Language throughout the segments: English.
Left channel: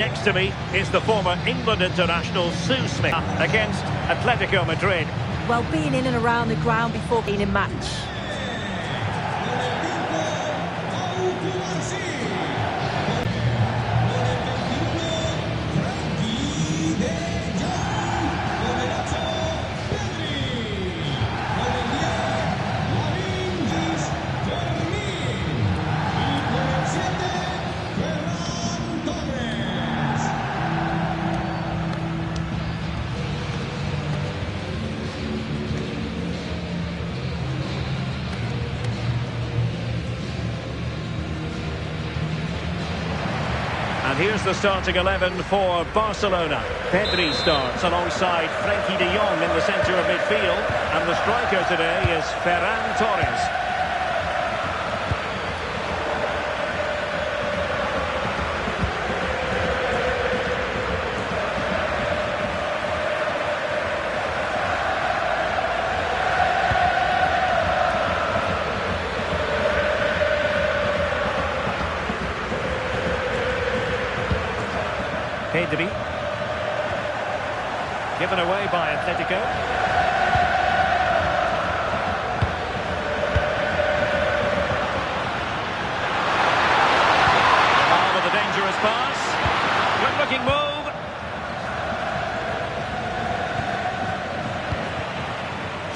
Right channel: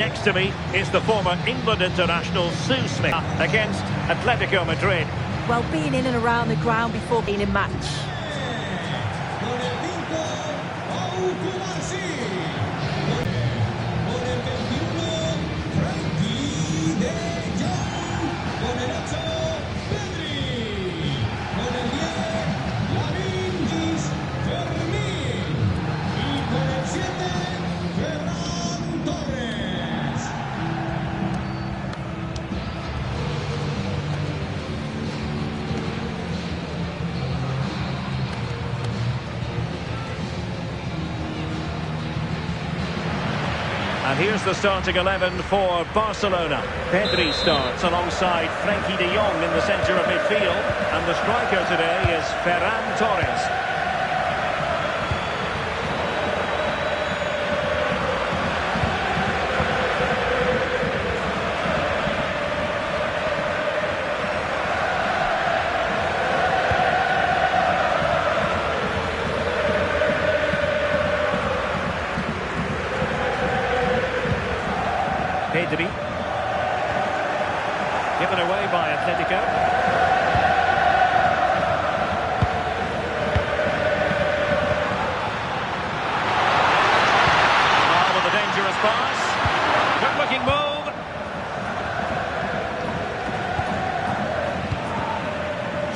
Next to me is the former England international Sue Smith against Atletico Madrid. Well, being in and around the ground before being in match. And here's the starting 11 for Barcelona. Pedri starts alongside Frenkie de Jong in the centre of midfield. And the striker today is Ferran Torres. Pedri. Given away by Atletico. Jamal with a dangerous pass. Good looking move.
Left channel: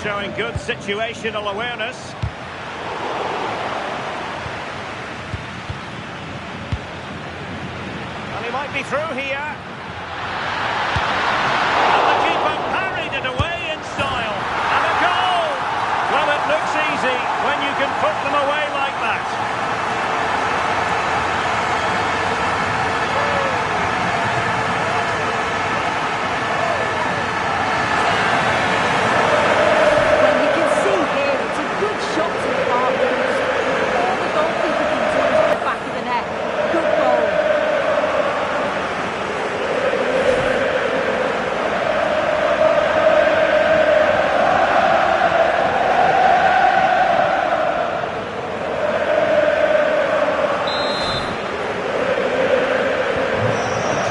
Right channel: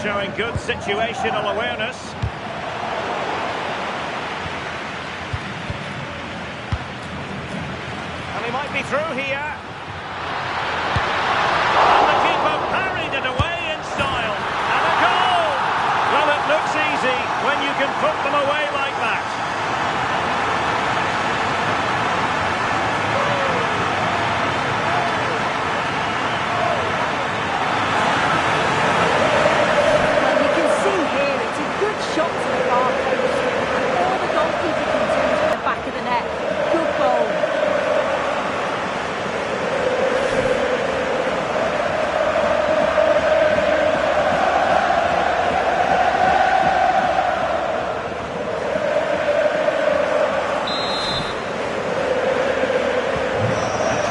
Showing good situational awareness. And he might be through here. And the keeper parried it away in style. And a goal! Well, it looks easy when you can put them away like that. Well, you can see here it's a good shot to the far post. And all the goalkeeper can do is the back of the net. Good goal.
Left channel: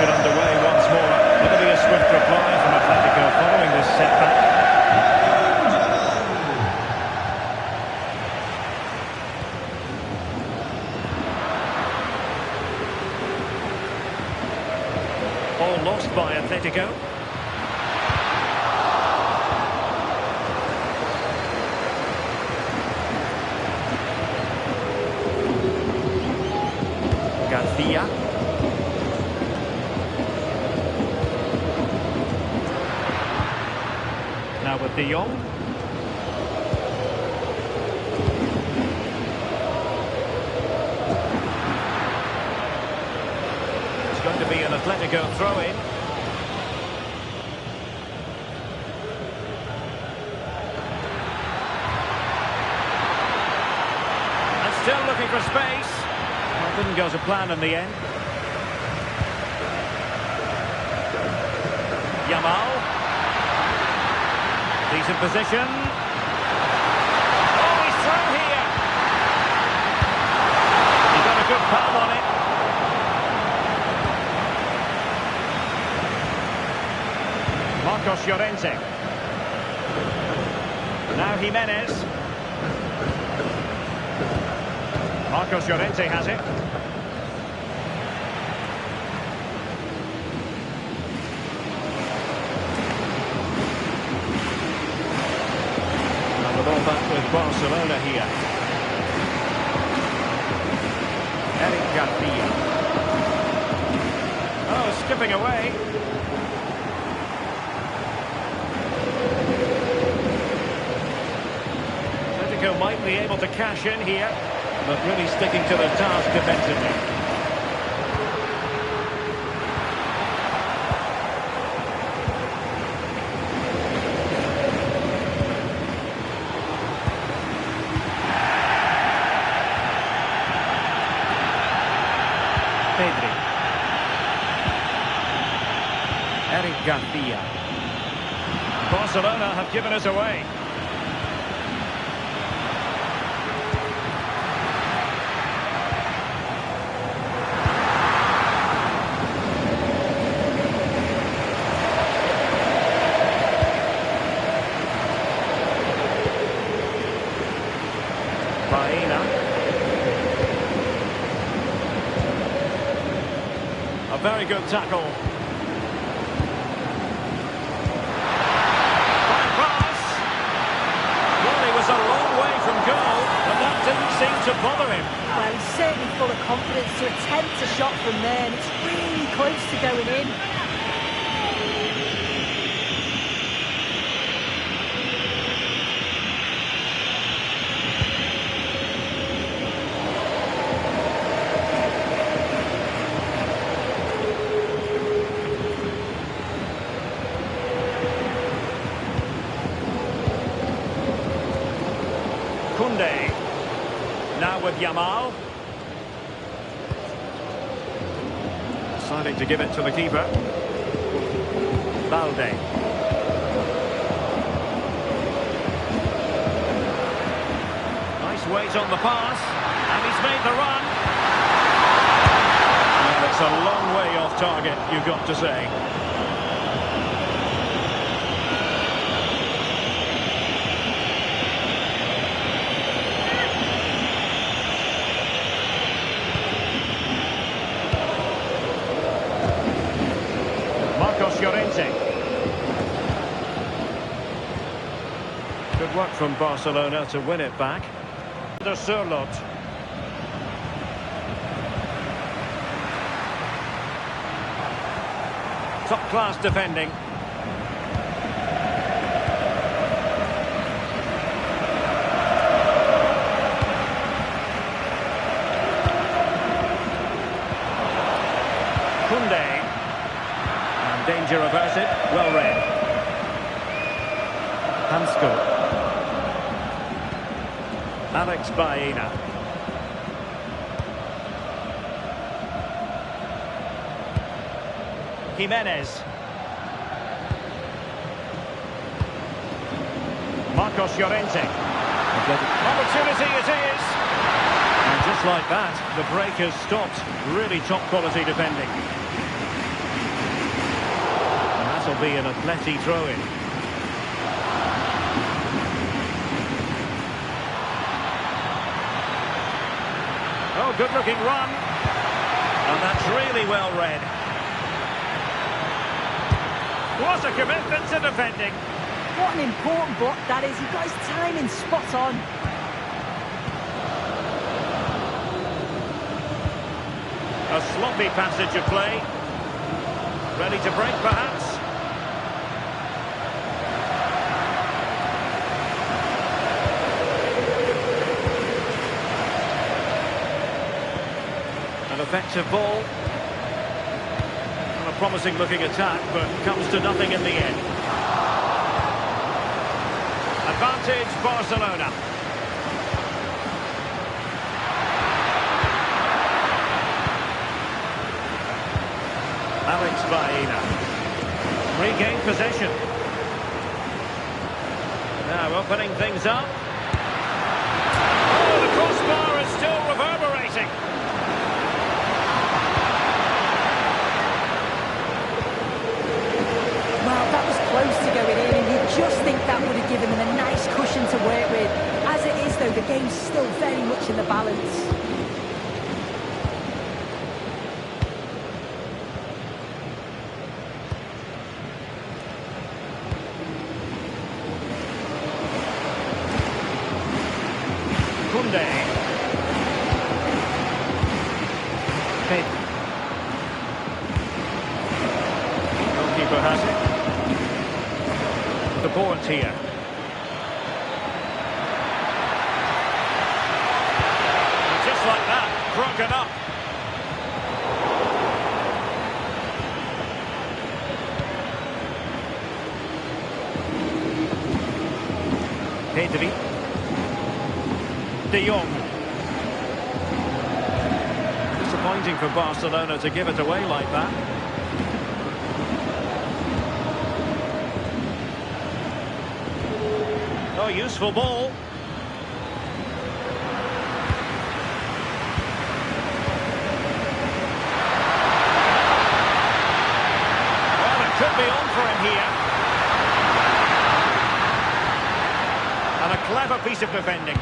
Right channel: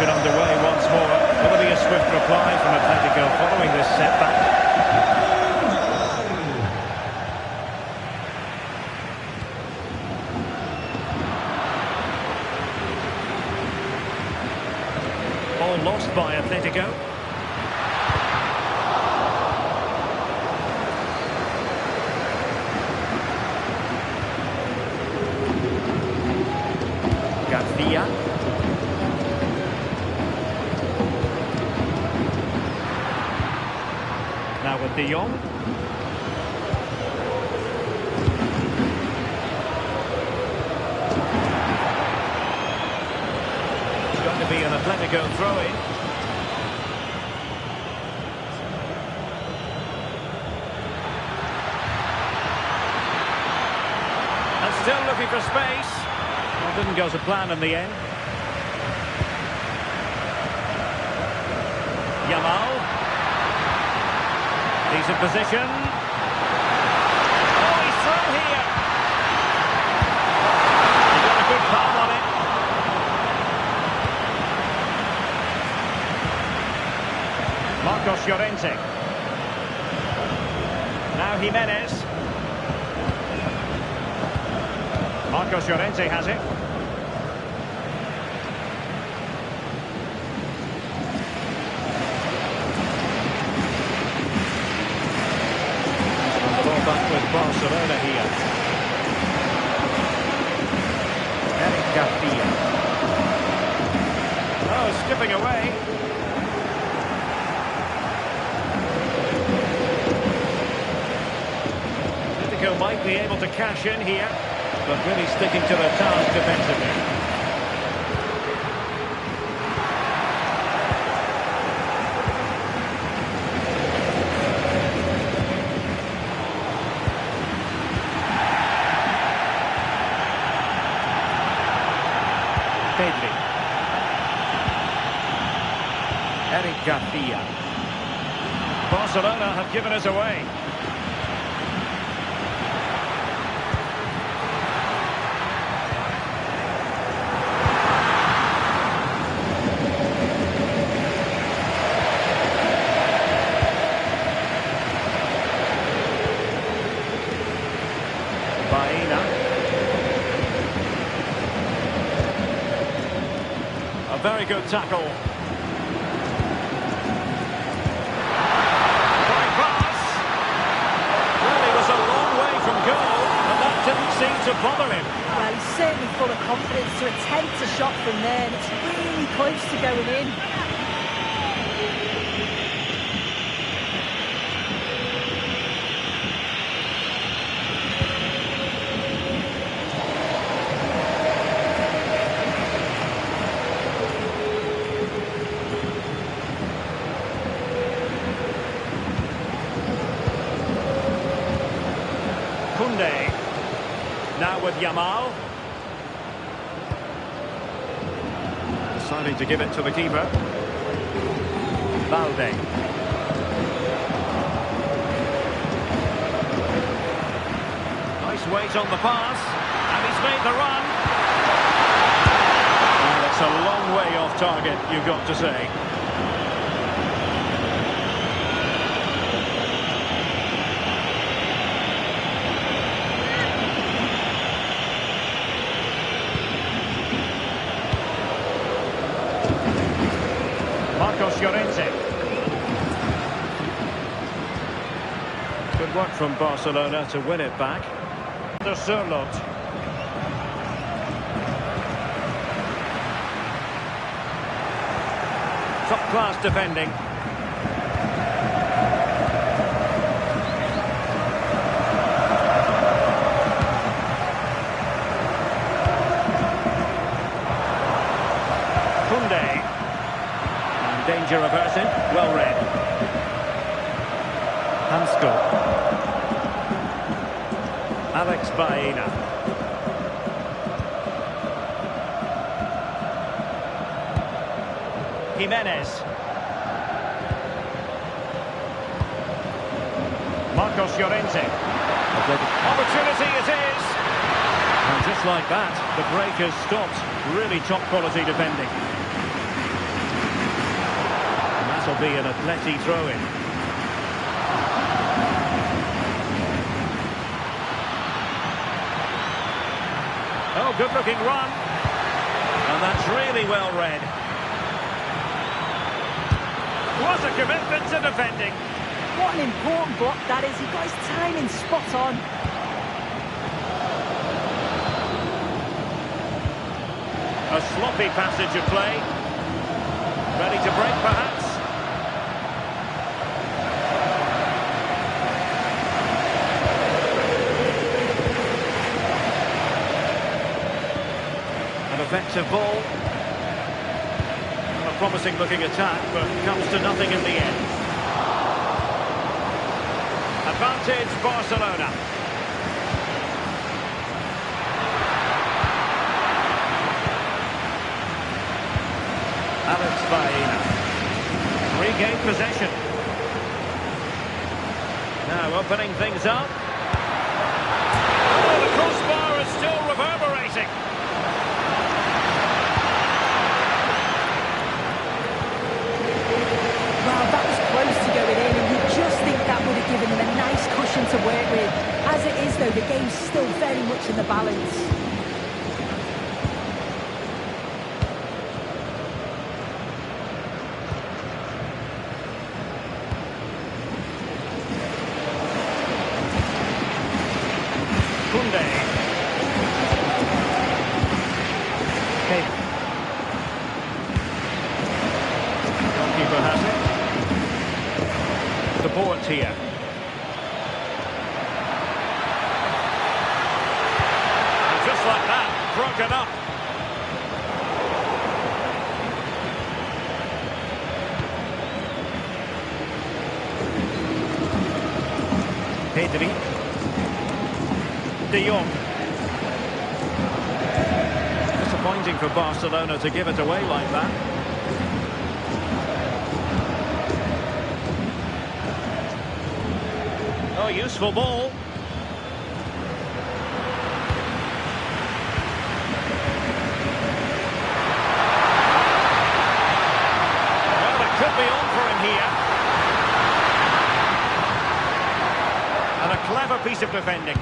Underway once more. Will there be a swift reply from Atletico following this setback? Ball lost by Atletico. Garcia. Now with de Jong. It's going to be an Atletico throw-in. And still looking for space. Well, didn't go to plan in the end. Jamal. Decent position. Oh, he's through here. He got a good palm on it. Marcos Llorente. Now Jimenez. Marcos Llorente has it. The ball back with Barcelona here. Eric Garcia. Oh, skipping away. Atletico might be able to cash in here, but really sticking to their task defensively. Pedri. Eric Garcia. Barcelona have given us away. A very good tackle. Fine pass. Well, he was a long way from goal, and that didn't seem to bother him. Well, he's certainly full of confidence to attempt a shot from there, and it's really close to going in. Koundé. Now with Yamal. Deciding to give it to the keeper. Balde. Nice weight on the pass. And he's made the run. Well, it's a long way off target, you've got to say. Llorente. Good work from Barcelona to win it back. De Surlot. Top class defending. Koundé. Danger averted, well read. Hansko. Alex Baena. Jimenez. Marcos Llorente. Opportunity it is. And just like that, the break has stopped. Really top quality defending. That'll be an Atleti throw-in. Oh, good-looking run. And that's really well read. What a commitment to defending. What an important block that is. He got his timing spot on. A sloppy passage of play. Ready to break, perhaps. An effective ball. And a promising looking attack, but comes to nothing in the end. Advantage Barcelona. Alex Baena. Regained possession. Now opening things up. Oh, the crossbar is still reverberating. Well, that was close to going in, and you just think that would have given them a nice cushion to work with. As it is, though, the game's still very much in the balance. Koundé. Goalkeeper has it. The board here. And just like that, broken up. Pedri. De Jong. Disappointing for Barcelona to give it away like that. Oh, useful ball. Well, it could be on for him here. And a clever piece of defending.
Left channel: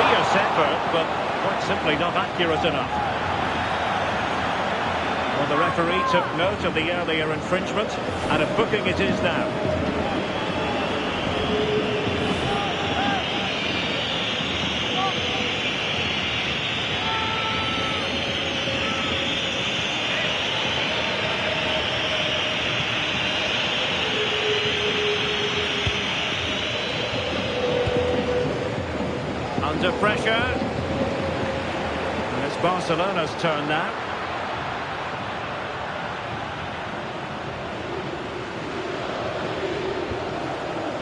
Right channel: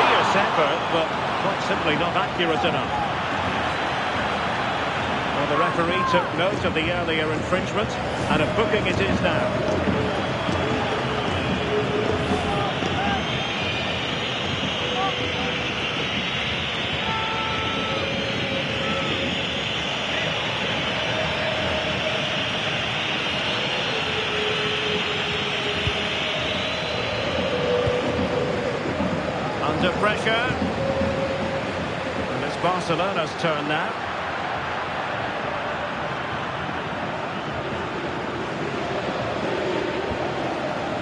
fierce effort, but quite simply not accurate enough. Well, the referee took note of the earlier infringement, and a booking it is now. Under pressure. And it's Barcelona's turn now.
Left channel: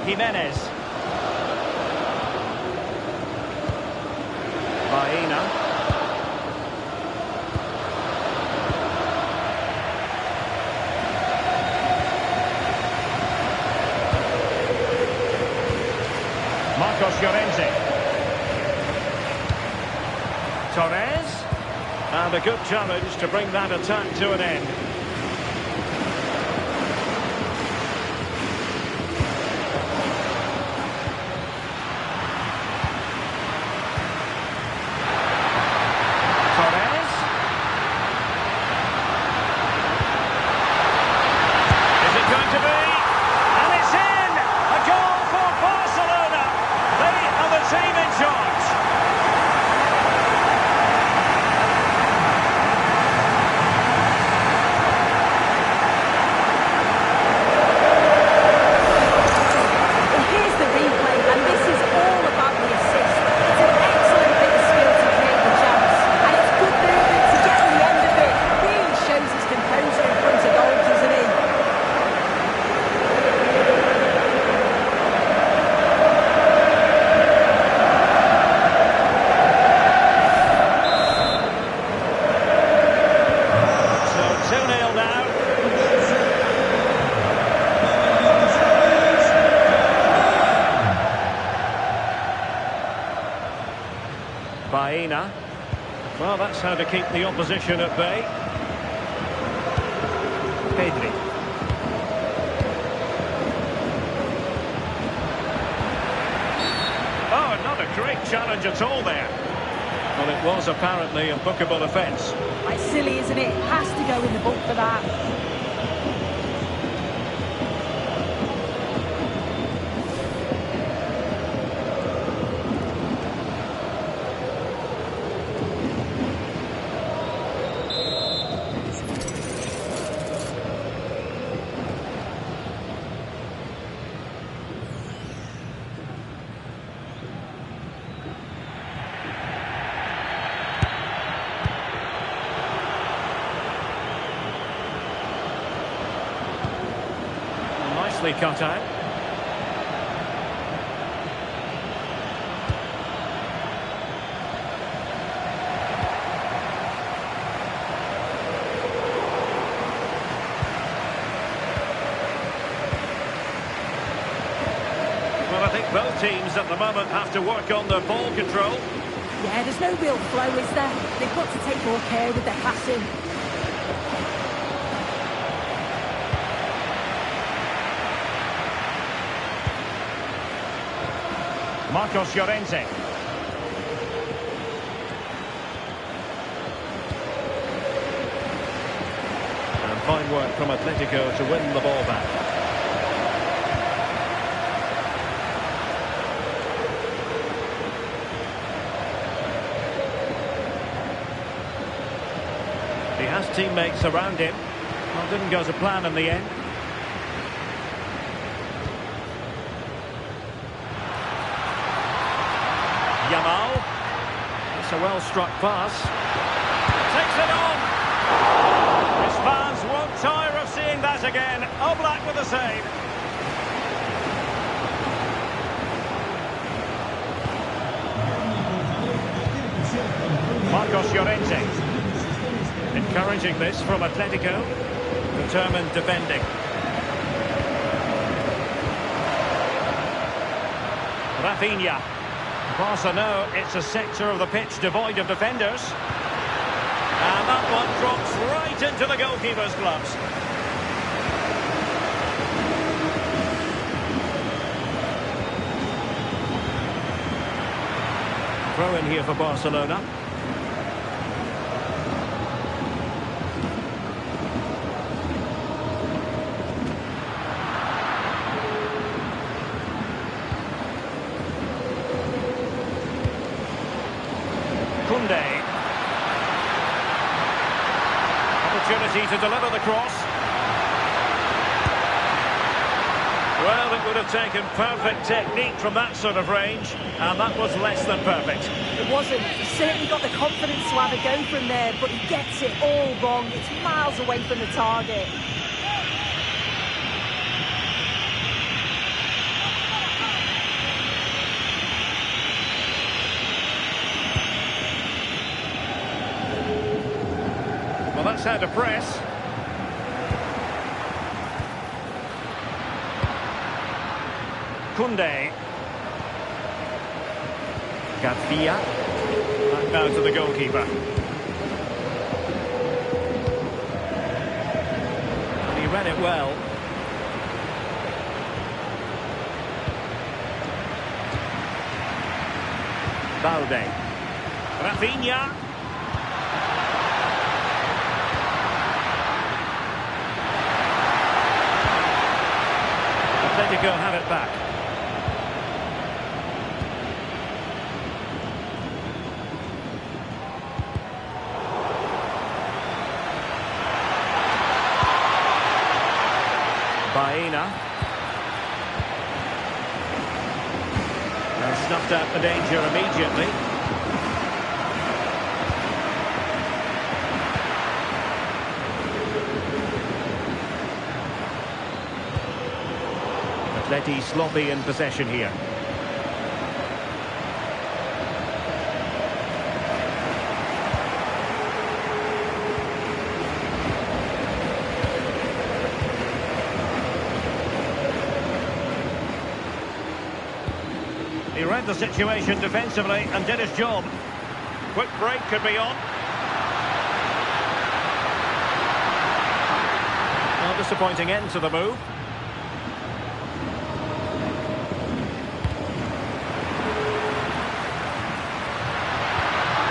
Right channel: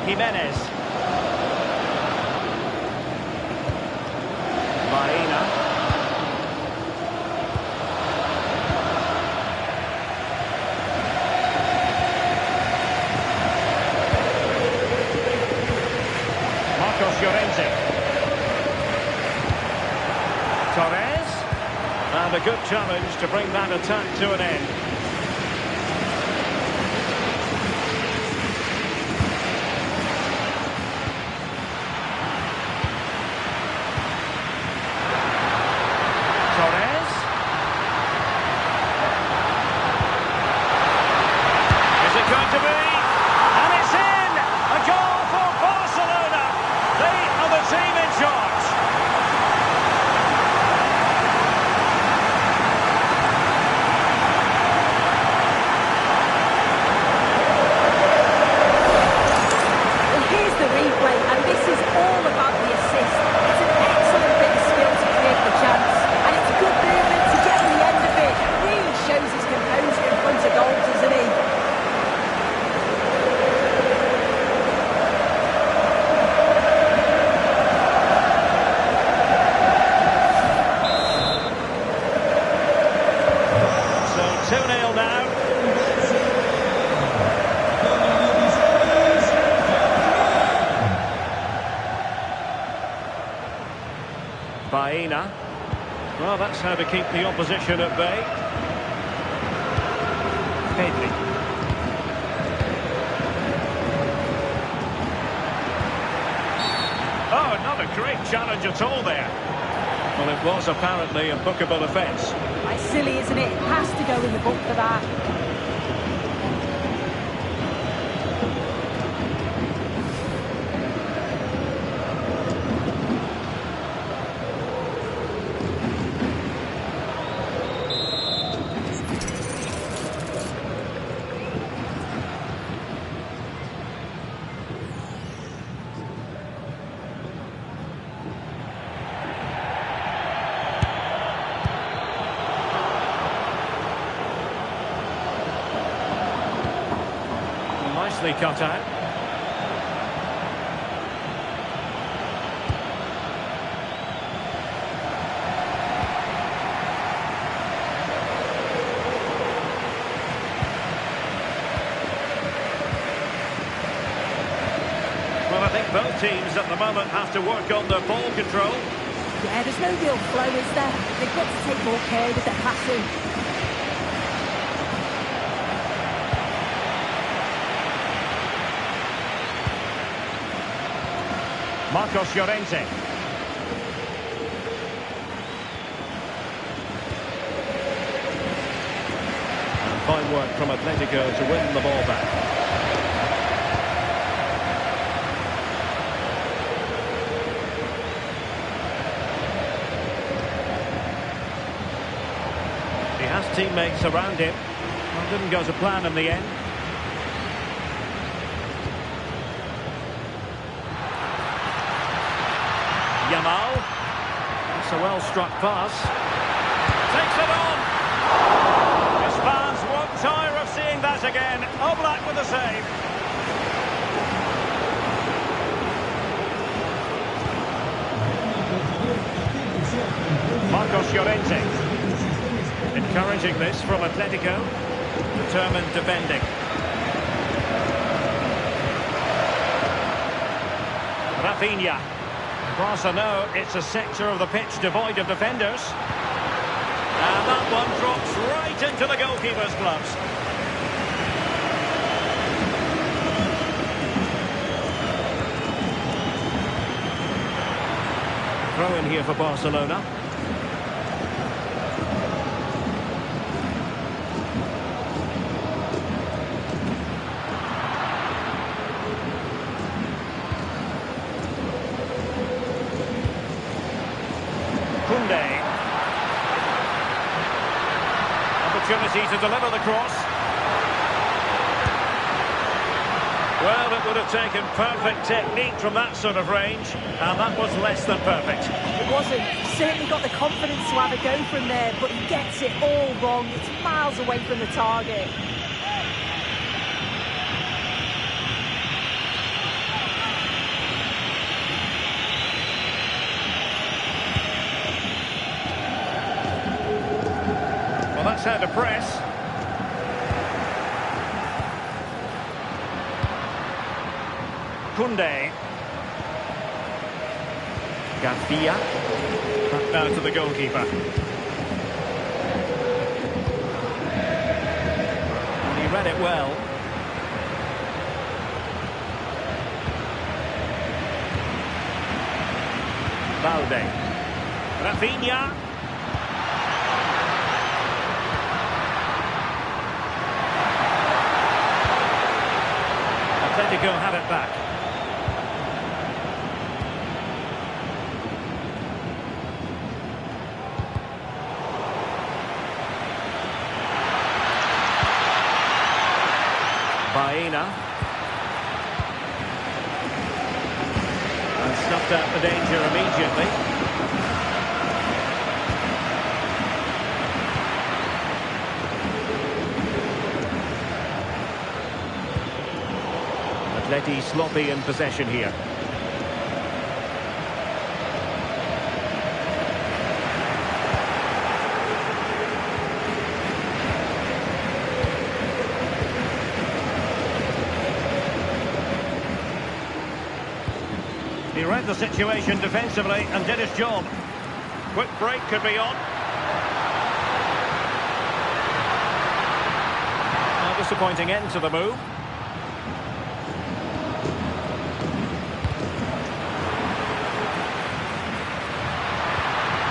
Jimenez. Baena. Marcos Llorente. Torres. And a good challenge to bring that attack to an end. Torres. Is it going to be? And it's in! A goal for Barcelona! They are the team in charge. Well, here's the replay, and this is all about the assist. It's an excellent bit of skill to create the chance. And it's good movement to get on the end of it. Really shows his composure in front of goal, doesn't he? So 2-0 now. Baena. Well, that's how to keep the opposition at bay. Pedri. Oh, not a great challenge at all there. Well, it was apparently a bookable offence. Quite silly, isn't it? Has to go in the book for that. Nicely cut out. Well, I think both teams at the moment have to work on their ball control. Yeah, there's no real flow, is there? They've got to take more care with their passing. Marcos Llorente. And fine work from Atletico to win the ball back. He has teammates around him. Well, didn't go to plan in the end. Yamal. It's a well-struck pass. Takes it on. His fans won't tire of seeing that again. Oblak with the save. Marcos Llorente. Encouraging this from Atletico. Determined defending. Rafinha. Barca know it's a sector of the pitch devoid of defenders. And that one drops right into the goalkeeper's gloves. Throw in here for Barcelona. Koundé. Opportunity to deliver the cross. Well, it would have taken perfect technique from that sort of range, and that was less than perfect. It wasn't. He certainly got the confidence to have a go from there, but he gets it all wrong. It's miles away from the target. Well, that's how to press. Koundé. Garcia. Back now to the goalkeeper. And he read it well. Balde. Rafinha. Atletico have it back. Baena. And snuffed out the danger immediately. Atleti sloppy in possession here. He read the situation defensively and did his job. Quick break could be on. A disappointing end to the move.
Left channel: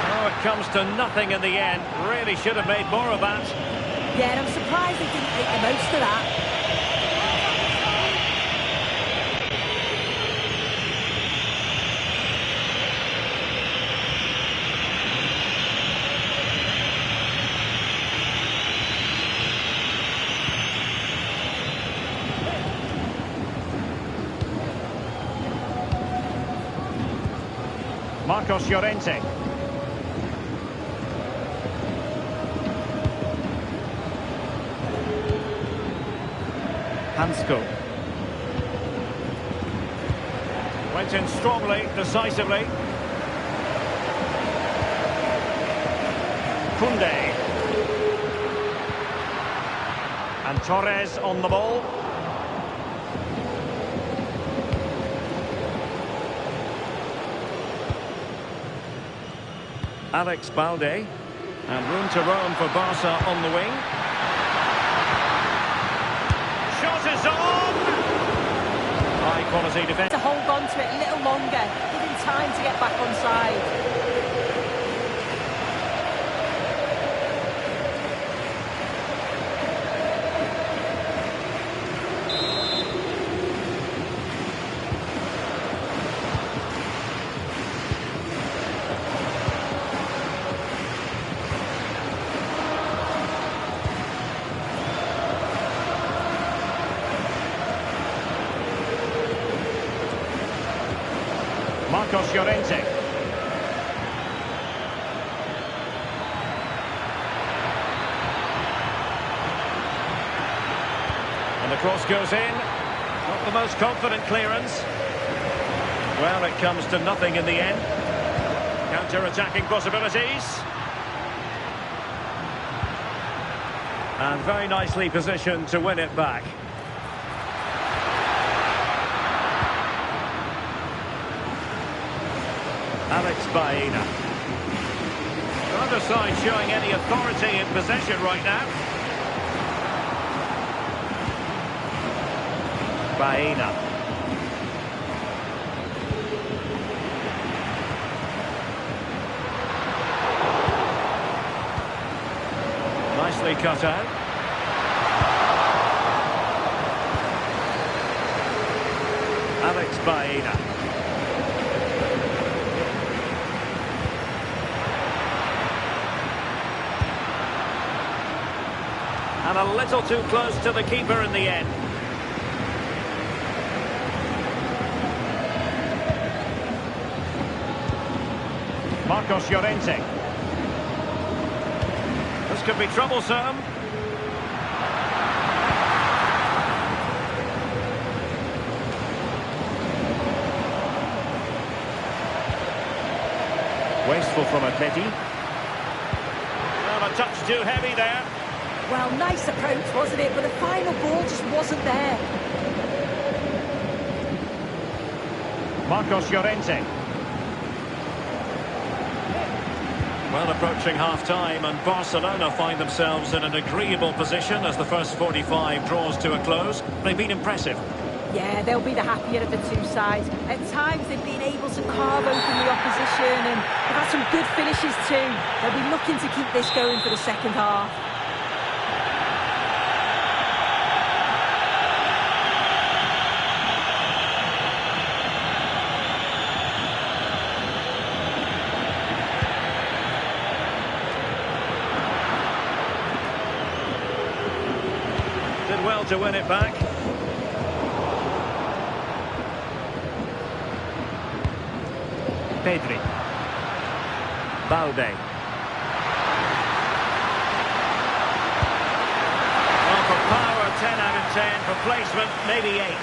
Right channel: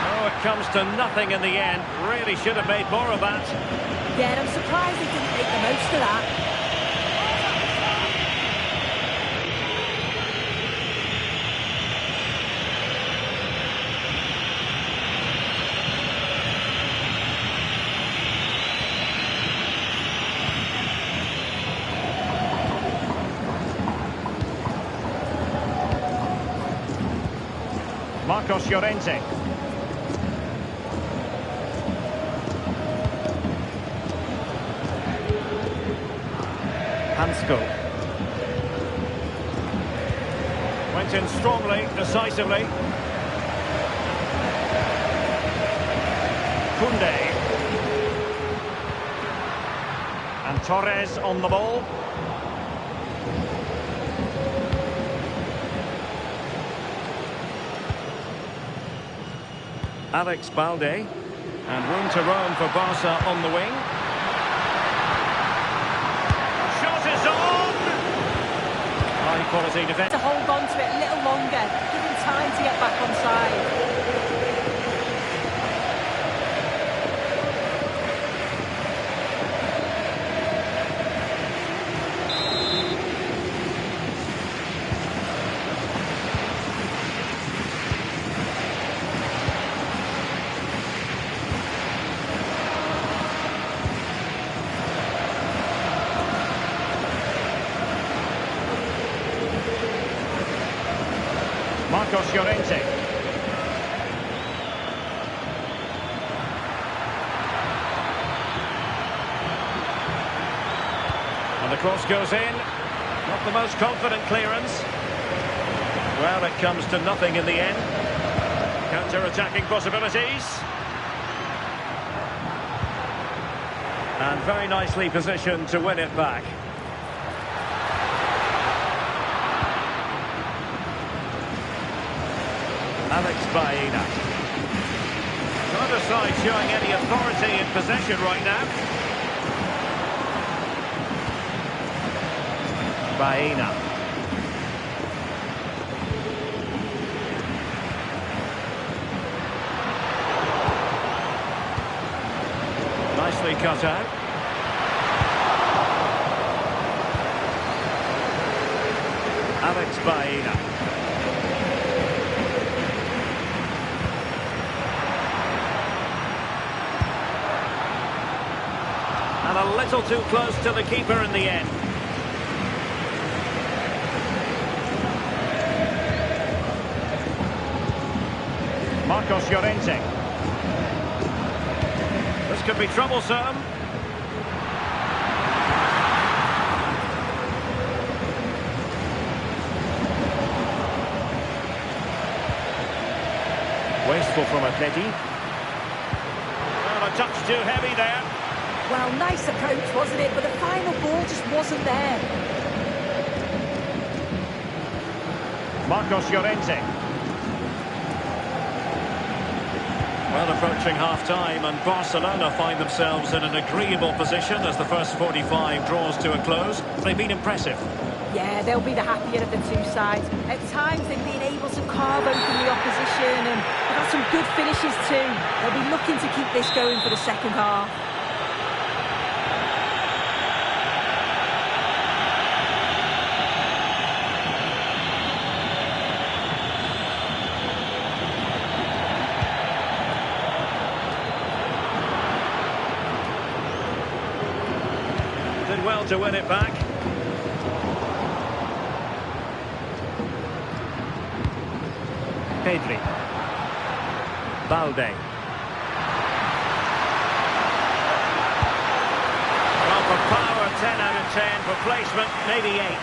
Oh, it comes to nothing in the end. Really should have made more of that. Yeah, and I'm surprised they didn't make the most of that. Marcos Llorente. Hansko. Went in strongly, decisively. Koundé. And Torres on the ball. Alex Balde, and room to roam for Barca on the wing. Shot is on! High quality defence. To hold on to it a little longer, give him time to get back on side. Marcos Llorente. And the cross goes in. Not the most confident clearance. Well, it comes to nothing in the end. Counter-attacking possibilities. And very nicely positioned to win it back. Alex Baena. Neither side showing any authority in possession right now. Baena. Nicely cut out. Alex Baena. And a little too close to the keeper in the end. Marcos Llorente. This could be troublesome. Wasteful from Atleti. Well, a touch too heavy there. Well, nice approach, wasn't it? But the final ball just wasn't there. Marcos Llorente. Well, approaching half-time, and Barcelona find themselves in an agreeable position as the first 45 draws to a close. They've been impressive. Yeah, they'll be the happier of the two sides. At times, they've been able to carve open the opposition, and they've had some good finishes too. They'll be looking to keep this going for the second half. Did well to win it back. Pedri. Balde. Well, for power, 10 out of 10. For placement, maybe 8.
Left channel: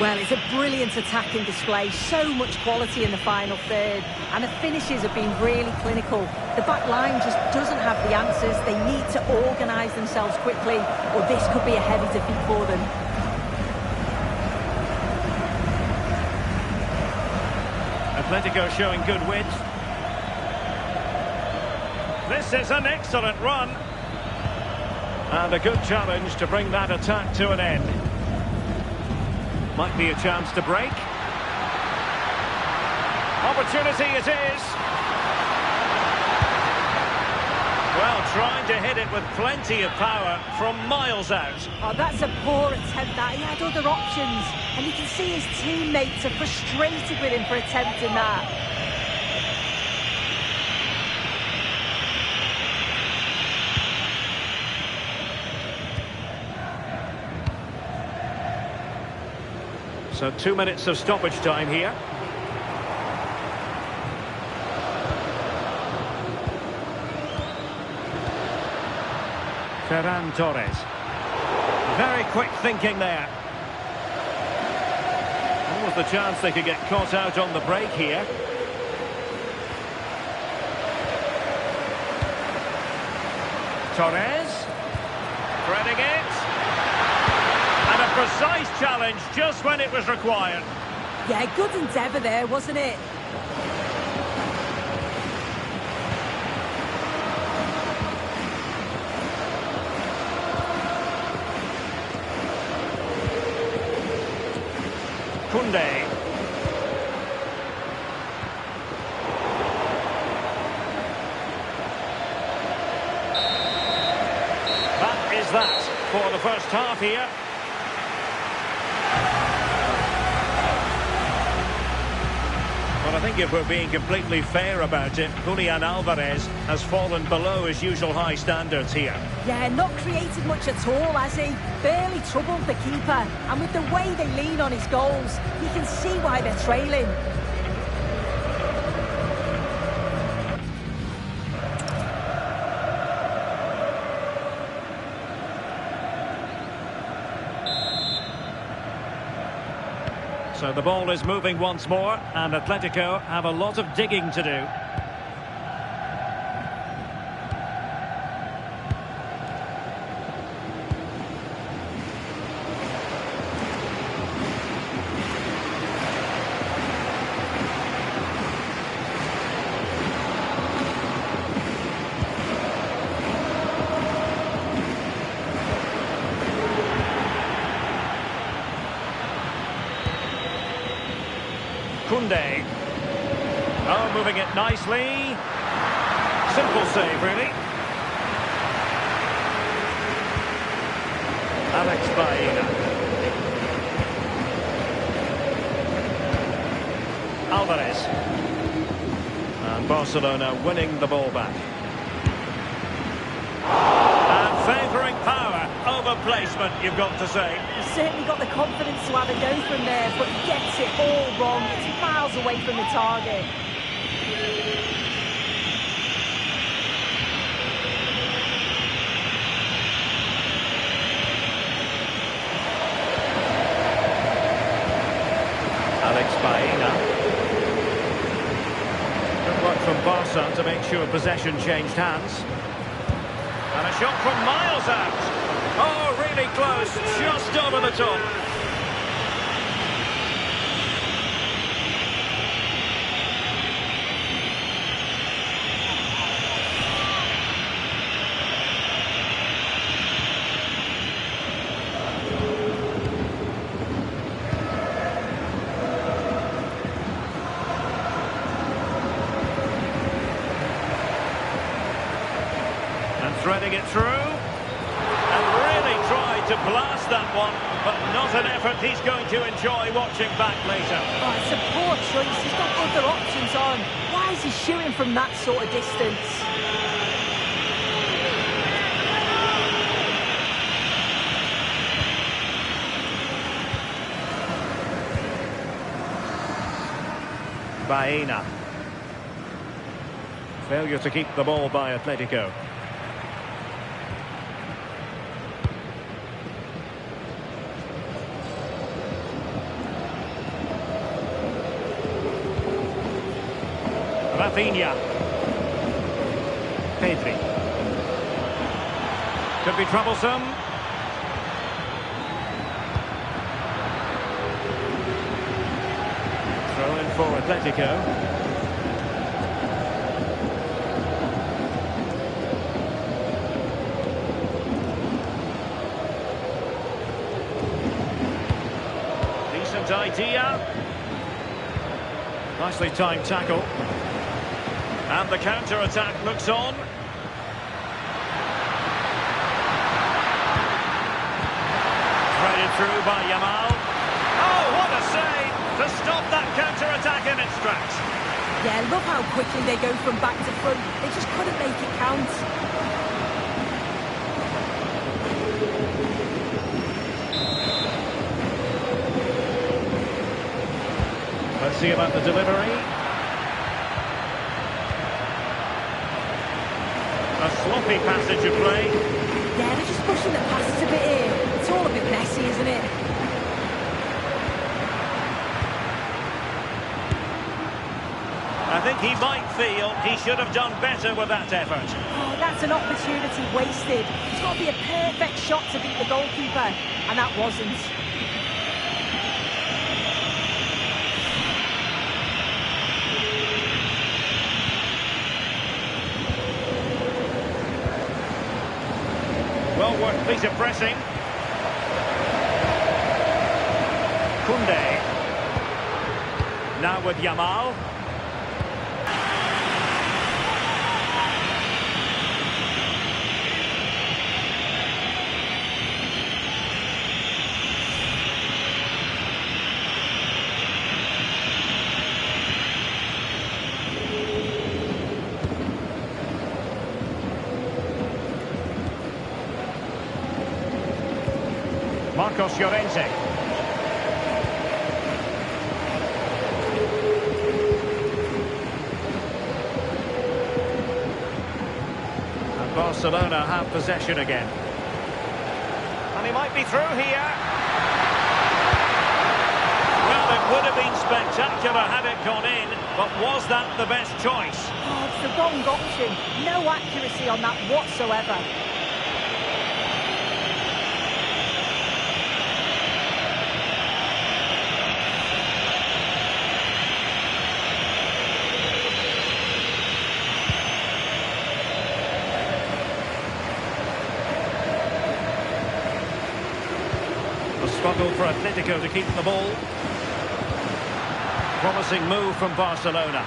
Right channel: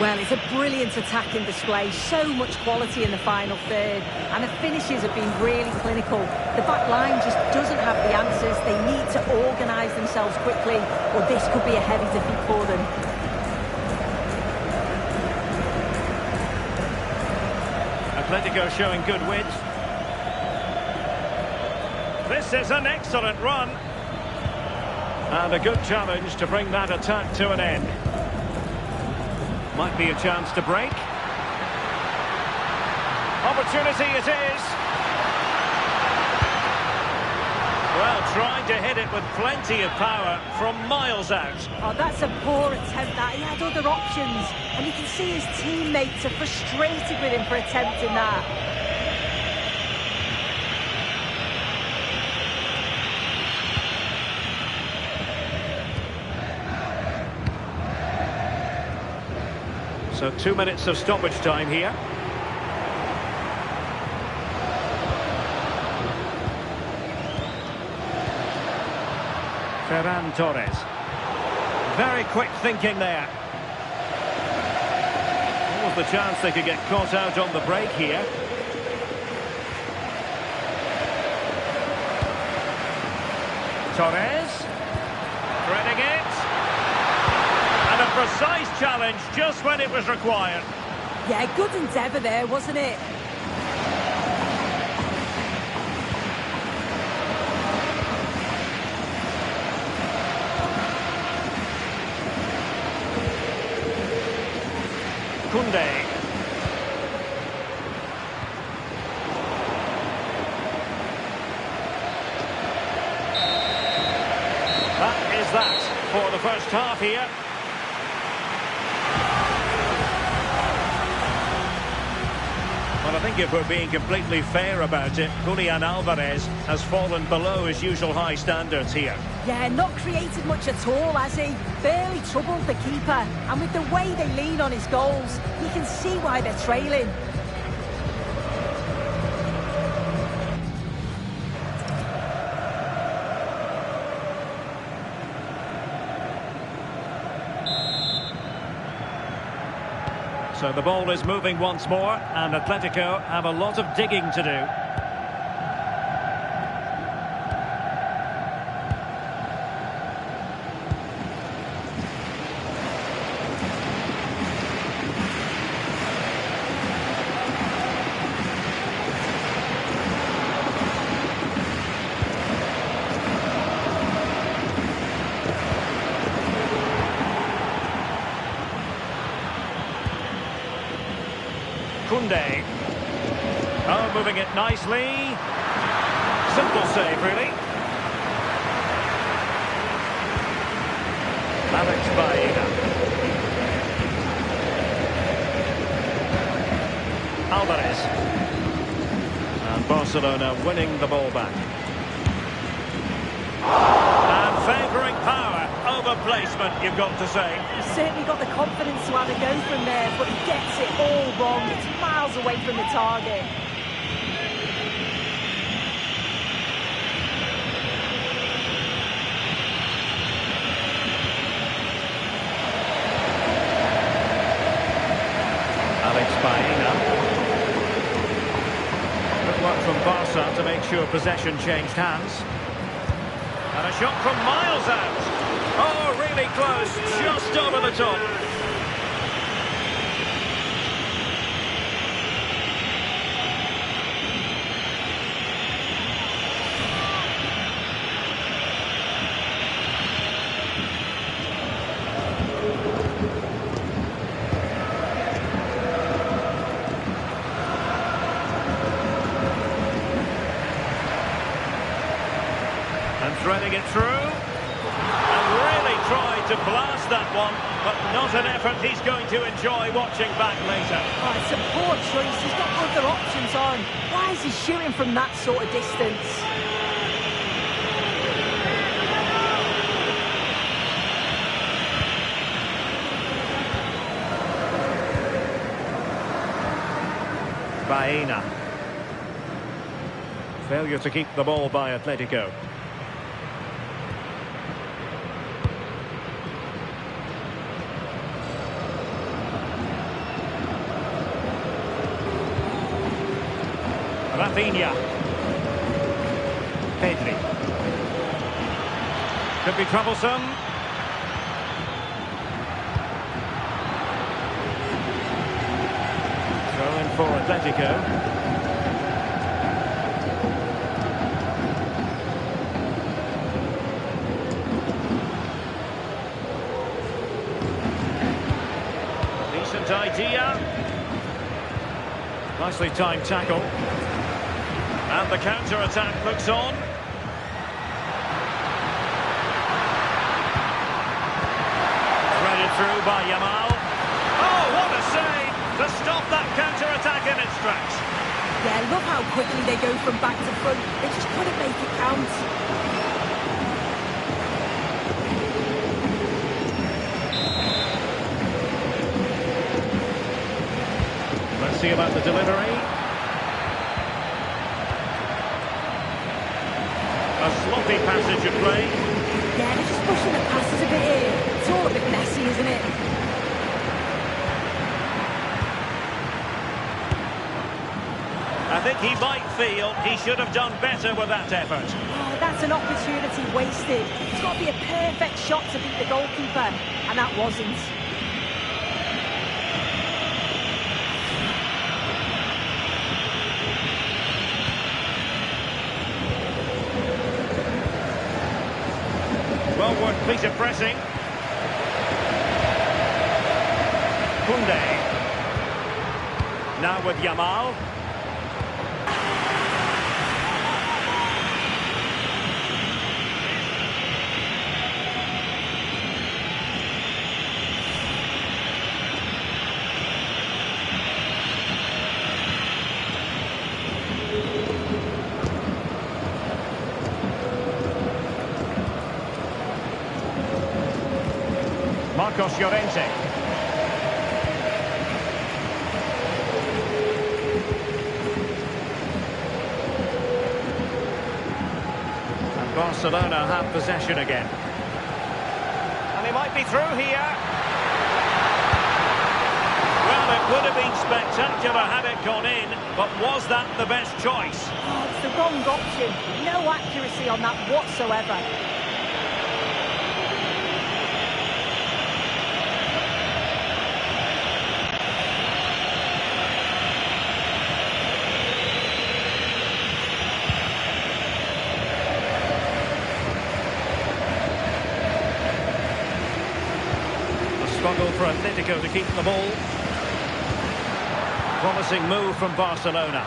Well, it's a brilliant attacking display. So much quality in the final third. And the finishes have been really clinical. The back line just doesn't have the answers. They need to organise themselves quickly, or this could be a heavy defeat for them. Atletico showing good width. This is an excellent run. And a good challenge to bring that attack to an end. Might be a chance to break. Opportunity it is. Well, trying to hit it with plenty of power from miles out. Oh, that's a poor attempt, that. He had other options. And you can see his teammates are frustrated with him for attempting that. So 2 minutes of stoppage time here. Ferran Torres. Very quick thinking there. Almost the chance they could get caught out on the break here. Torres. Threading it. And a precise challenge just when it was required. Yeah, good endeavour there, wasn't it? Koundé. That is that for the first half here. Well, I think if we're being completely fair about it, Julian Alvarez has fallen below his usual high standards here. Yeah, not created much at all, has he? Barely troubled the keeper. And with the way they lean on his goals, you can see why they're trailing. So the ball is moving once more, and Atletico have a lot of digging to do. Koundé. Oh, moving it nicely. Simple save, really. Alex Baena. Alvarez. And Barcelona winning the ball back. And favouring power over placement, you've got to say. He's certainly got the confidence to have a go from there, but he gets it all wrong. It's miles away from the target. Alex Baena. Good work from Barca to make sure possession changed hands. And a shot from miles out. Oh, really close, just over the top. And threading it through. And really tried to blast that one, but not an effort he's going to enjoy watching back later. Oh, it's a poor choice. He's got other options on. Why is he shooting from that sort of distance? Baena. Failure to keep the ball by Atletico. Rafinha. Pedri. Could be troublesome. Throw in for Atletico. Decent idea. Nicely timed tackle. And the counter-attack looks on. Threaded through by Yamal. Oh, what a save to stop that counter-attack in its tracks. Yeah, love how quickly they go from back to front. They just couldn't make it count. Let's see about the delivery. A sloppy passage of play. Yeah, they're just pushing the passes a bit here. It's all a bit messy, isn't it? I think he might feel he should have done better with that effort. Oh, that's an opportunity wasted. It's got to be a perfect shot to beat the goalkeeper, and that wasn't. Well worked piece of pressing. Koundé. Now with Yamal. Marcos Llorente. And Barcelona have possession again. And he might be through here. Well, it would have been spectacular had it gone in, but was that the best choice? Oh, it's the wrong option. No accuracy on that whatsoever. A struggle for Atletico to keep the ball. Promising move from Barcelona.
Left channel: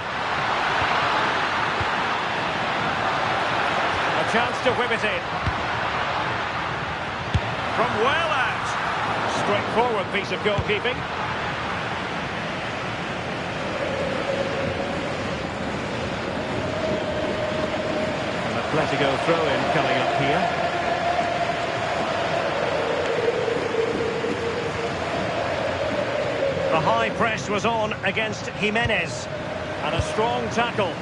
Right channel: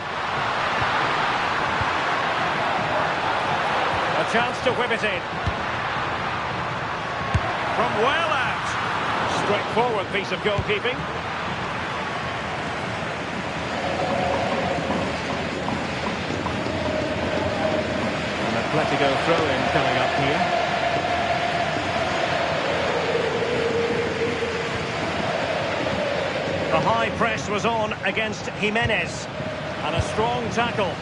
A chance to whip it in. From well out. Straightforward piece of goalkeeping. An Atletico throw-in coming up here. The high press was on against Jimenez. And a strong tackle.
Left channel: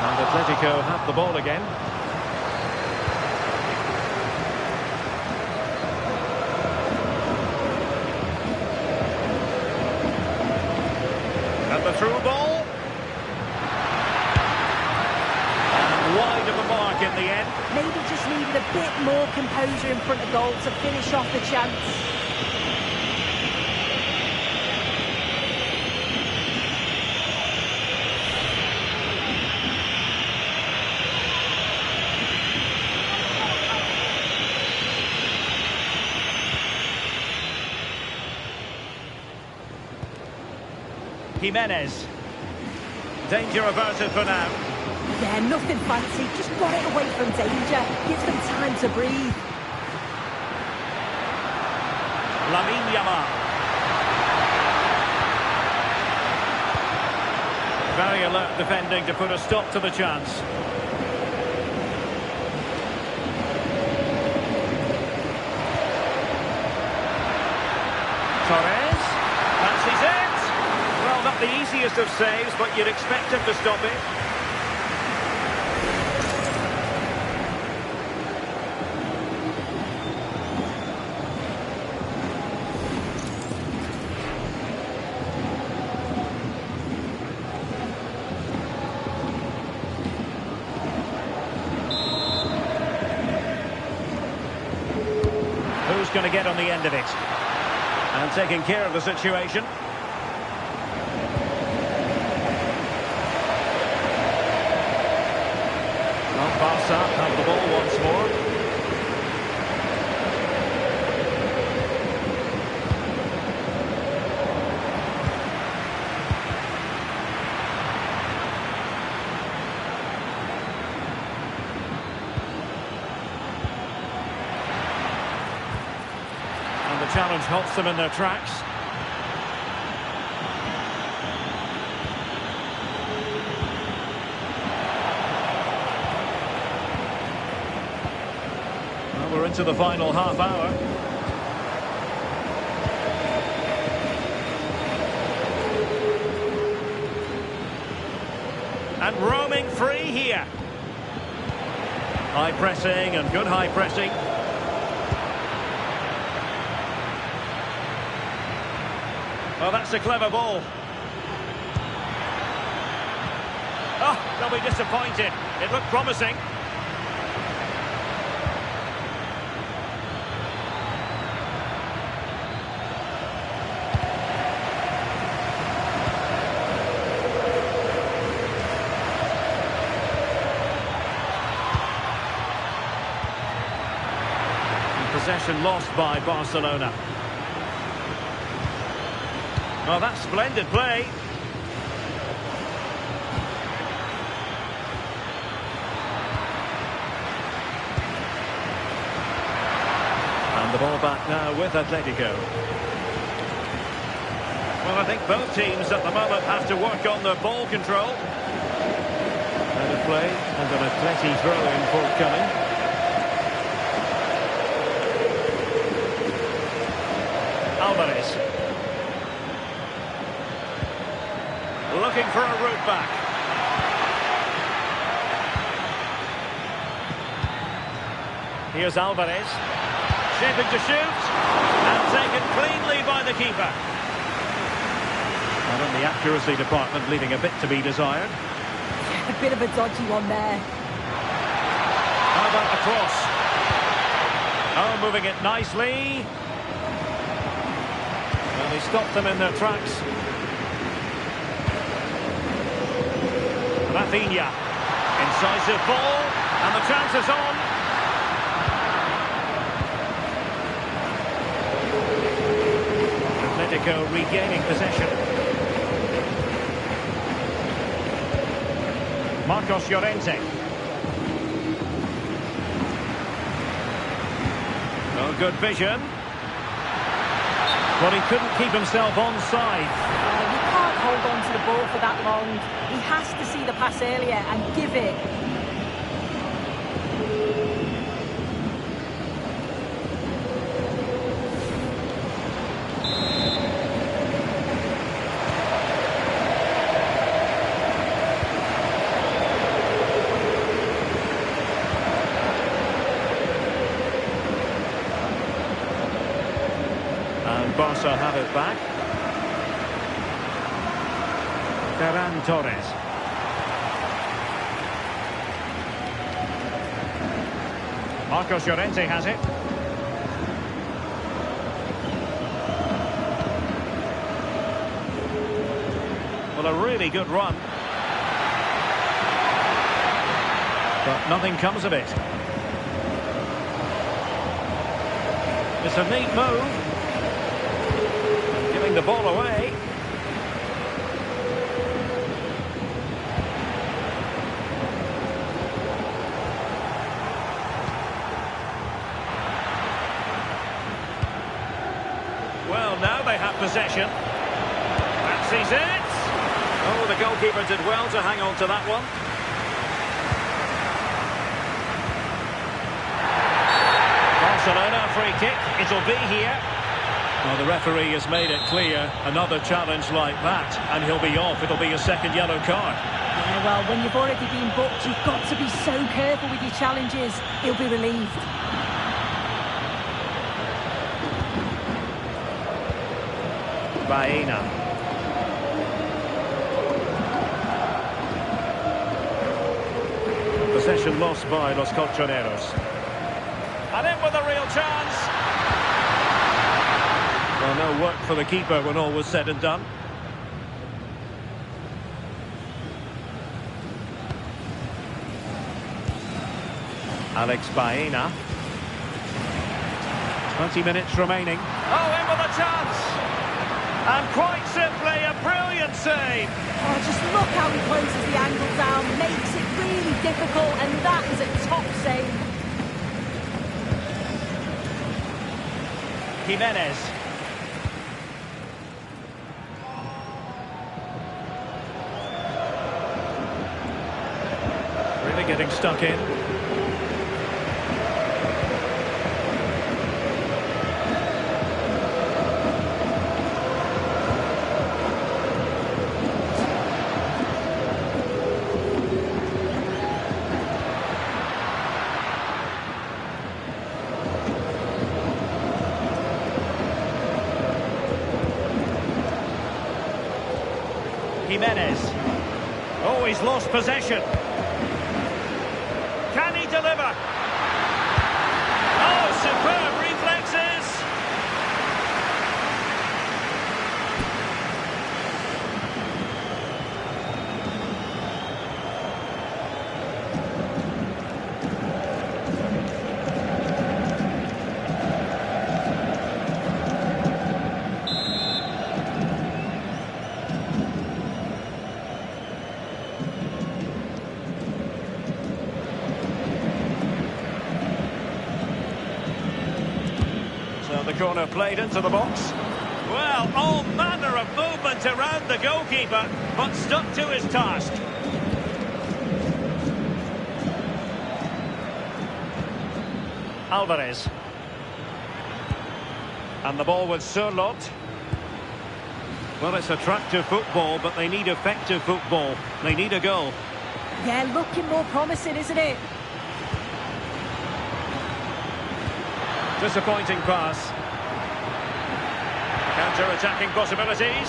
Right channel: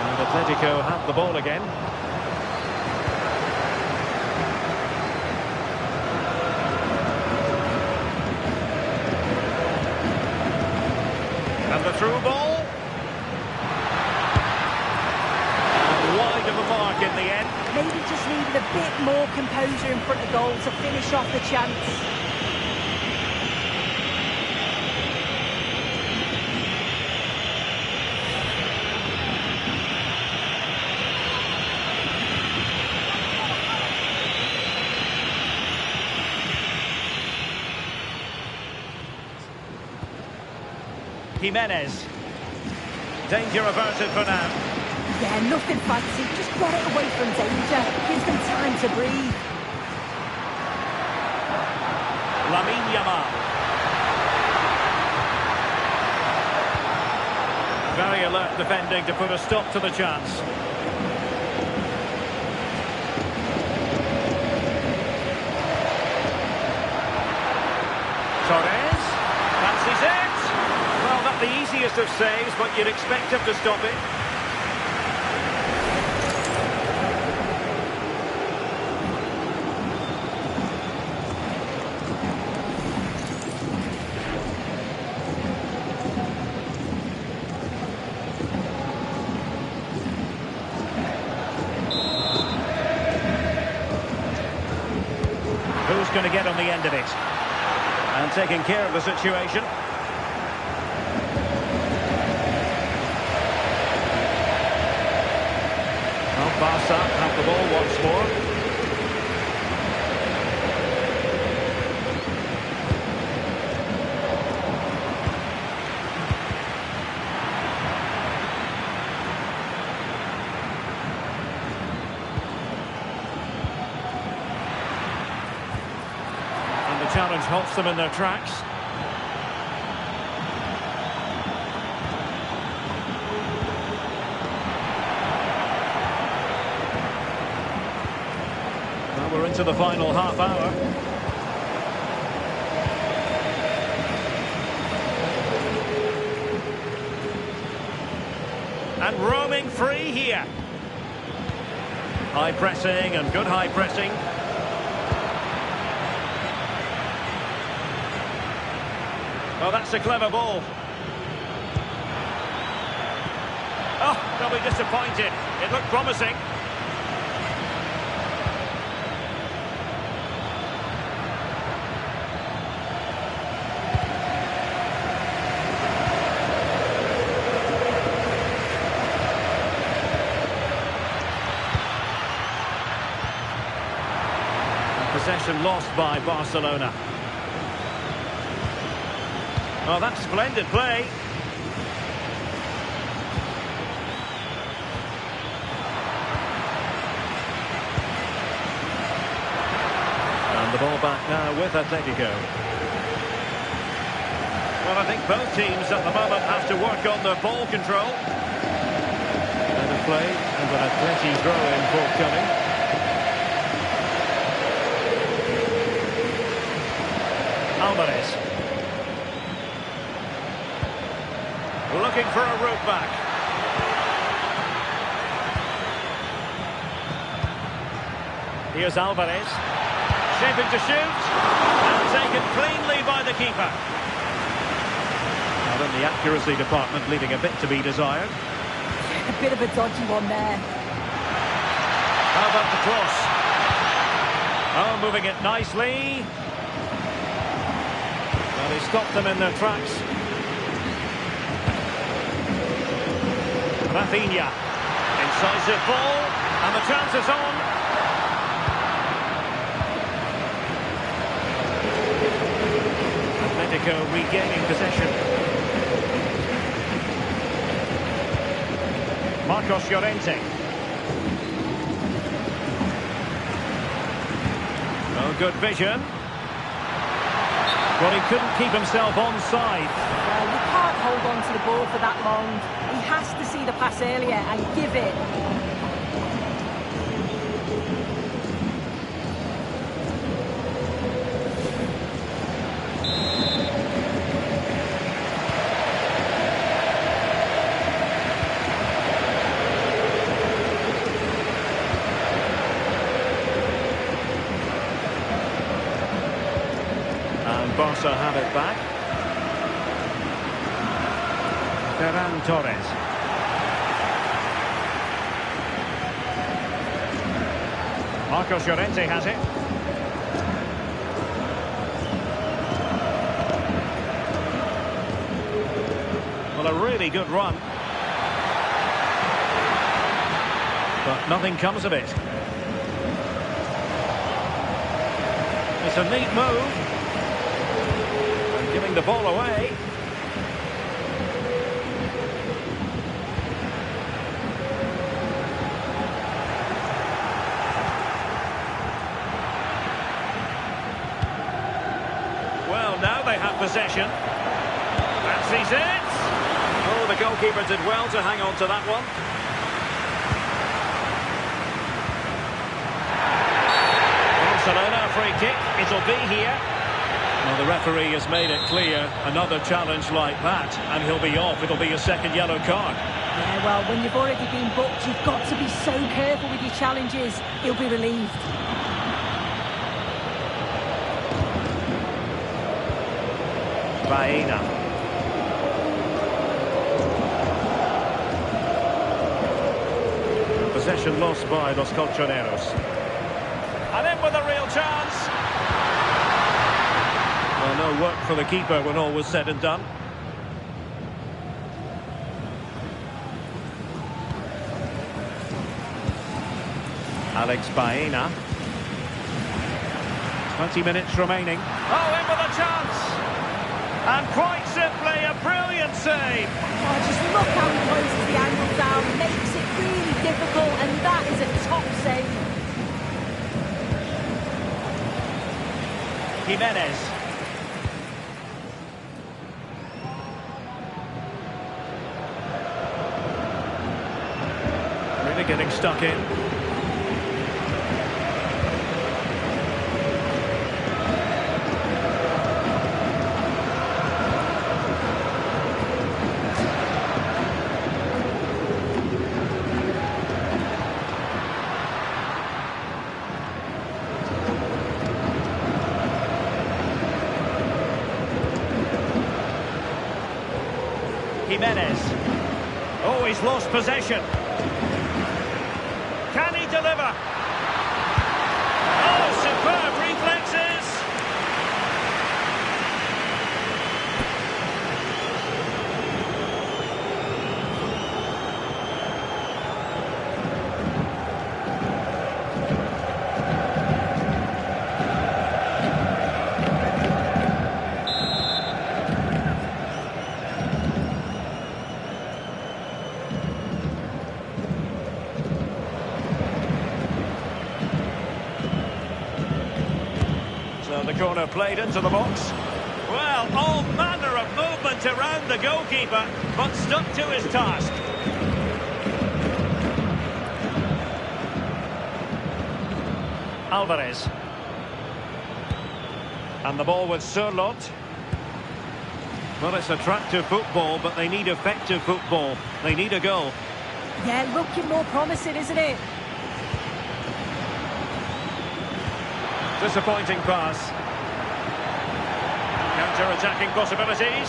And Atletico have the ball again. And the through ball. And wide of the mark in the end. Maybe just needed a bit more composure in front of goal to finish off the chance. Jimenez. Danger averted for now. Yeah, nothing fancy. Just got it away from danger. Gives them time to breathe. Lamine Yamal. Very alert defending to put a stop to the chance. Torres. Fancies it. Well, not the easiest of saves, but you'd expect him to stop it. Who's going to get on the end of it? And taking care of the situation. Well, Barca have the ball once more. And the challenge halts them in their tracks. Well, we're into the final half hour. And roaming free here. High pressing and good high pressing. Well, that's a clever ball. Oh, they'll be disappointed. It looked promising. Possession lost by Barcelona. Oh, that's splendid play. And the ball back now with Atletico. Well, I think both teams at the moment have to work on their ball control. Out of play and an Atleti throw-in forthcoming. Alvarez. Looking for a route back. Here's Alvarez. Shaping to shoot. And taken cleanly by the keeper. Not in the accuracy department, leaving a bit to be desired. A bit of a dodgy one there. How about the cross? Oh, moving it nicely. Well, he stopped them in their tracks. Rafinha. Incisive ball, and the chance is on. Atletico regaining possession. Marcos Llorente. Oh, good vision. Well, he couldn't keep himself onside. Well, you can't hold on to the ball for that long. He has to see the pass earlier and give it. And Barca have it back. Ferran Torres. Marcos Llorente has it. Well, a really good run. But nothing comes of it. It's a neat move. Giving the ball away. Well, now they have possession. Fancies it. Oh, the goalkeeper did well to hang on to that one. Barcelona, free kick. It'll be here. Well, the referee has made it clear, another challenge like that, and he'll be off. It'll be a second yellow card. Yeah, well, when you've already been booked, you've got to be so careful with your challenges. He'll be relieved. Baena. Possession lost by Los Colchoneros. And in with a real chance. Well, no work for the keeper when all was said and done. Alex Baena. 20 minutes remaining. Oh, in with a chance! And quite simply, a brilliant save! Oh, just look how he closes the angle down, makes it really difficult, and that is a top save. Jimenez. Really getting stuck in. Jimenez. Oh, he's lost possession. Can he deliver? Oh, superb reflexes! So the corner played into the box. Well, all manner of movement around the goalkeeper, but stuck to his task. Alvarez. And the ball with Sørloth. Well, it's attractive football, but they need effective football. They need a goal. Yeah, looking more promising, isn't it? Disappointing pass. Counter-attacking possibilities.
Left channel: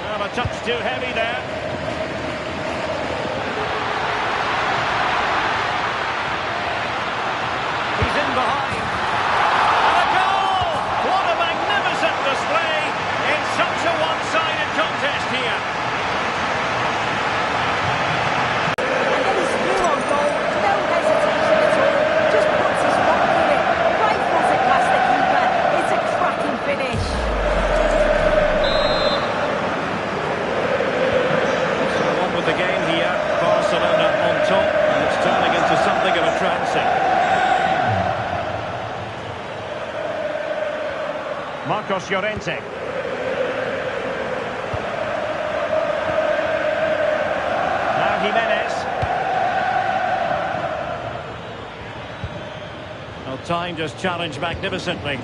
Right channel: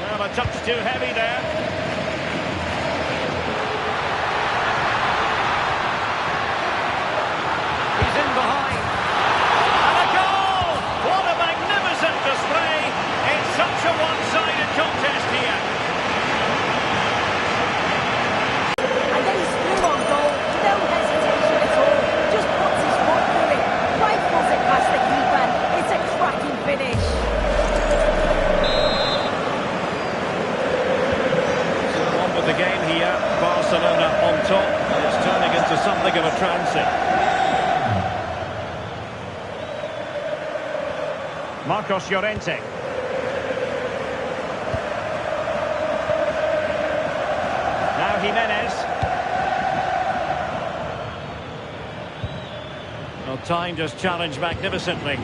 Well, a touch too heavy there. He's in behind. And a goal! What a magnificent display! display. It's such a one-sided contest here. And then he's through on goal. No hesitation at all. Just puts his foot through it. Rifles it past the keeper. It's a cracking finish. So on with the game here. Barcelona on top, and it's turning into something of a transit. Marcos Llorente. Now Jimenez. Well, time just challenged magnificently.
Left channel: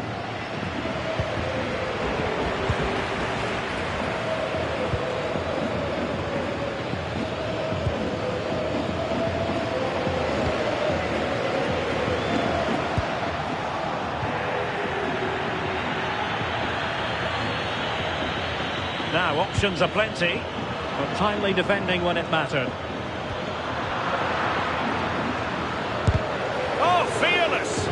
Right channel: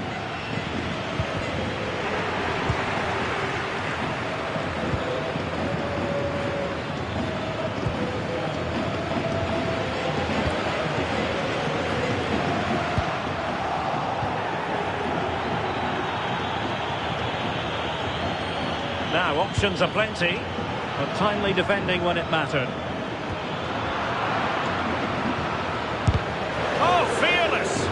Now, options are plenty, but timely defending when it mattered. Oh, fearless!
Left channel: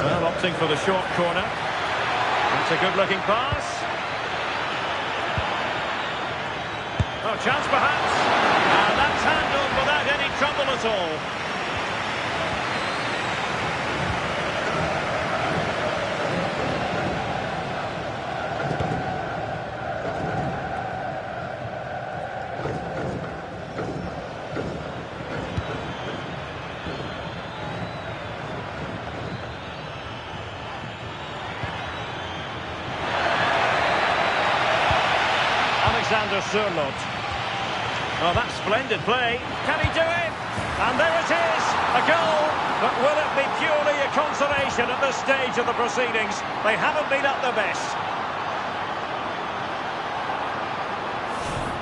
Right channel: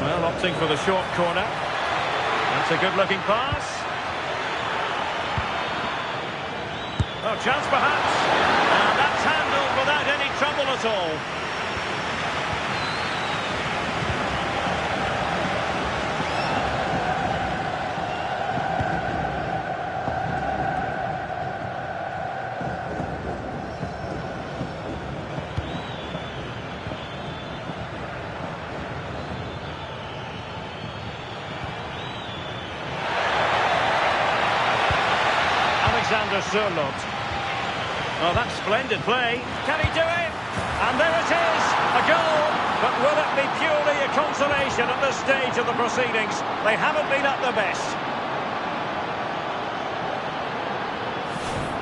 Well, opting for the short corner. That's a good-looking pass. Oh, chance perhaps. And that's handled without any trouble at all. Alexander Sørloth. Oh, that's splendid play. Can he do it? And there it is, a goal. But will it be purely a consolation at this stage of the proceedings? They haven't been at their best.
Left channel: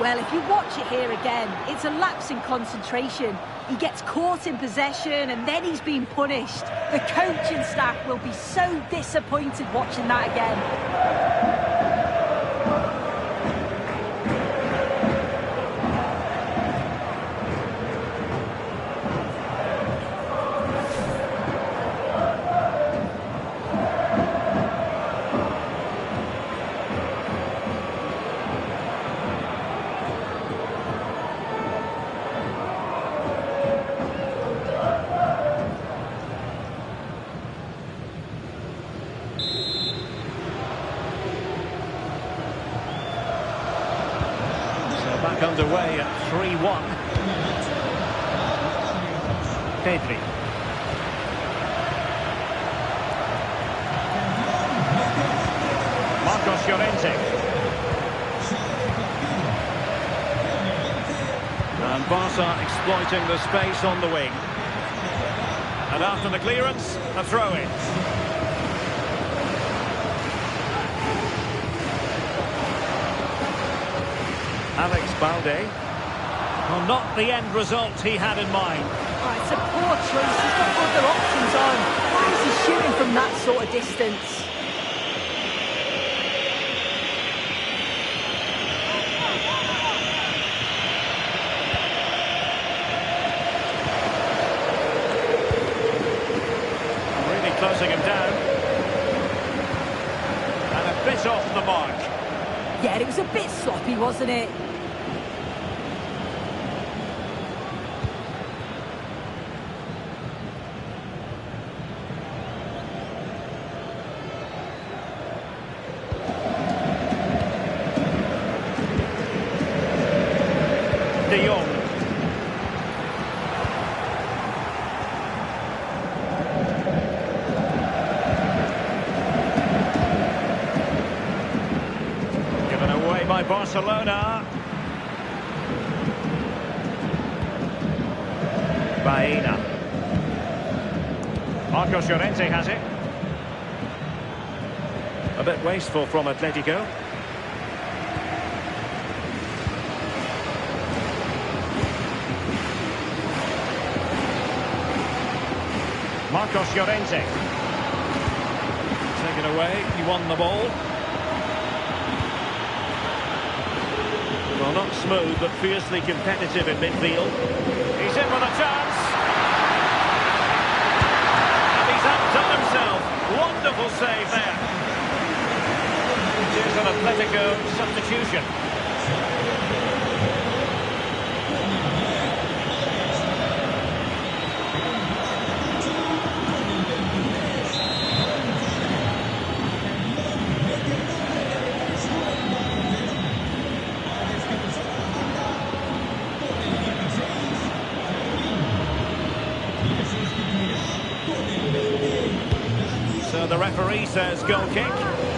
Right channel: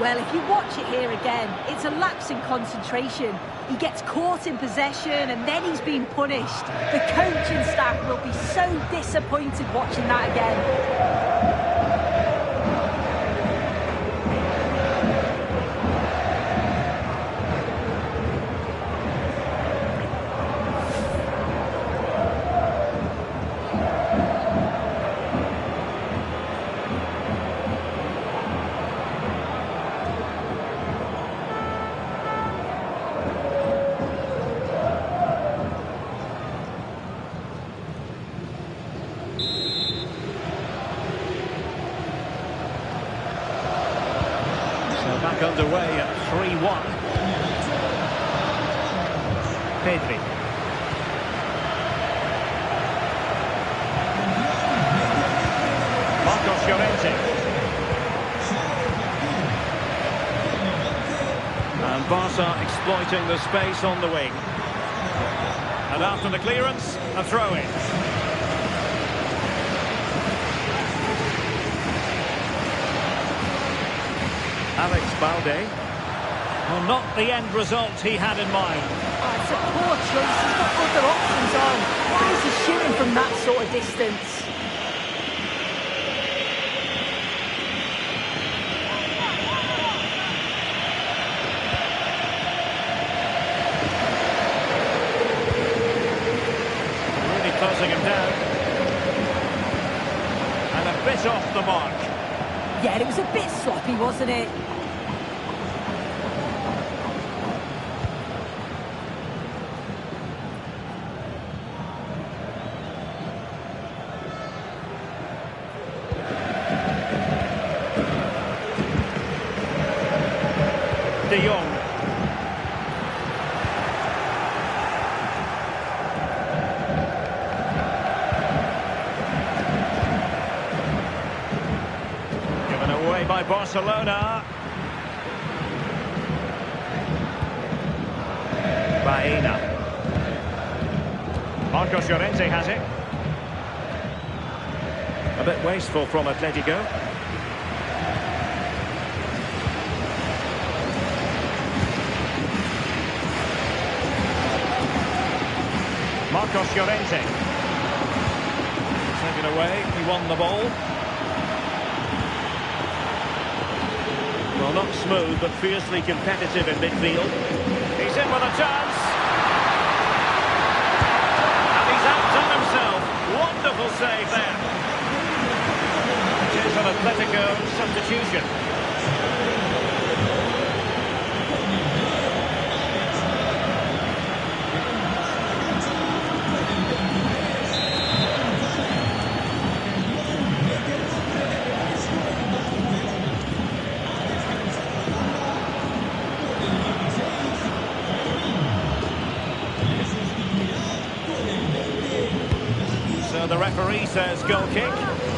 Well, if you watch it here again, it's a lapse in concentration. He gets caught in possession and then he's been punished. The coaching staff will be so disappointed watching that again. So back underway at 3-1. Pedri. Marcos Llorente. And Barca exploiting the space on the wing. And after the clearance, a throw-in. Alex Balde. Well, not the end result he had in mind. Oh, it's a poor choice. He's got other options on. Why is he shooting from that sort of distance? Really closing him down. And a bit off the mark. Yeah, it was a bit sloppy, wasn't it? De Jong. Given away by Barcelona. Baena. Marcos Llorente has it. A bit wasteful from Atletico. Marcos Llorente. Taken away, he won the ball. Well, not smooth, but fiercely competitive in midfield. He's in with a chance. And he's outdone himself. Wonderful save there. It is an Atletico substitution. So the referee says goal kick.